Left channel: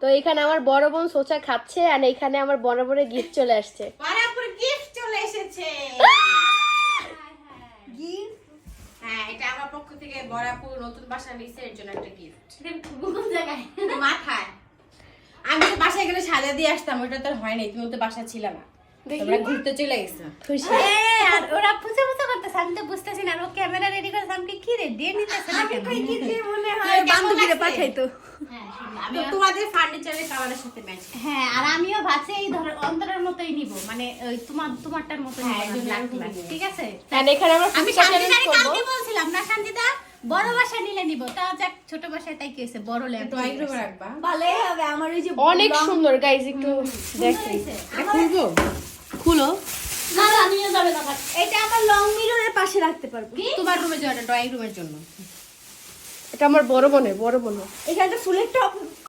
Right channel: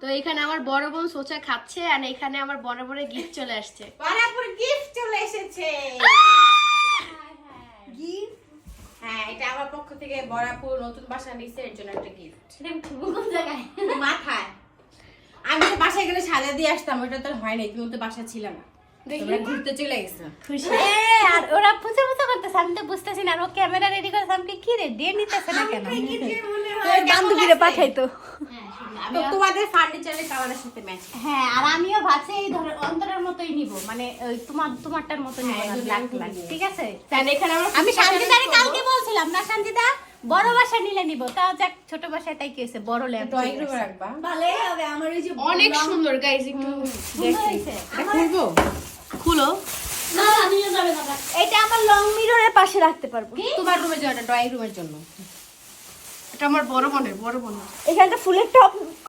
তো এখানে আমার বড় বোন সোচা খাচ্ছে আর এখানে আমার বড় বোনের গিফট চলে আসছে। বরাবর গিফট চলে এসেছে। গিফট হ্যাঁ, এটা আমার পক্ষ থেকে বরাবর নতুন বাসা নিছে এর জন্য একটা গিফট। কোন জায়গায়? মাথায়। আমি তো বাসায় গেলে সাজা দিয়ে আসতাম, ওটা তো হয় নাই, তুমি তো বাসা ছিল না, তোমরা ঘুরতে চলে গেছো। খুশি আর ওরা পুজো পুজো করতেছে, আমি তো বুঝতেছি না। আর ও ক্যামেরা রেডি করছে, আমি কি রে দিয়ে নিতেছে না কেন? বান্ধবীরে পাঠাইতো। তো তোমাদের ফার্নিচারের কালারের সাথে ম্যাচ। হ্যাঁ, আর আমিও ভাবছি এই ধর অন্তরের মতোই নিব, মানে ওই তোমারটার মতো নিব না, ব্ল্যাক ব্ল্যাক, ঠিক আছে? এখানে আমি শান্তিদারে কালকে বলছিলাম না, শান্তিদা বড় বাসা নিলে নিব, তাও যাক ছোট বাসায় তাই কি হয়েছে, বড় ল্যাম্প ড্রয়িং রুমে রাখবা। ভালোই হবে। আমার ওই যে অনেক সুন্দর গাইস, একটু দেখি। এটা খুলবো? খুলো। না আমিও যাবে না। এটা আমার লং মিররের পাশে রাখতে পারবো। তোমার রুমের জন্য, ড্রয়িং রুমের জন্য। এটা আমার বড় বোনের। এখানটা ফুলের টপ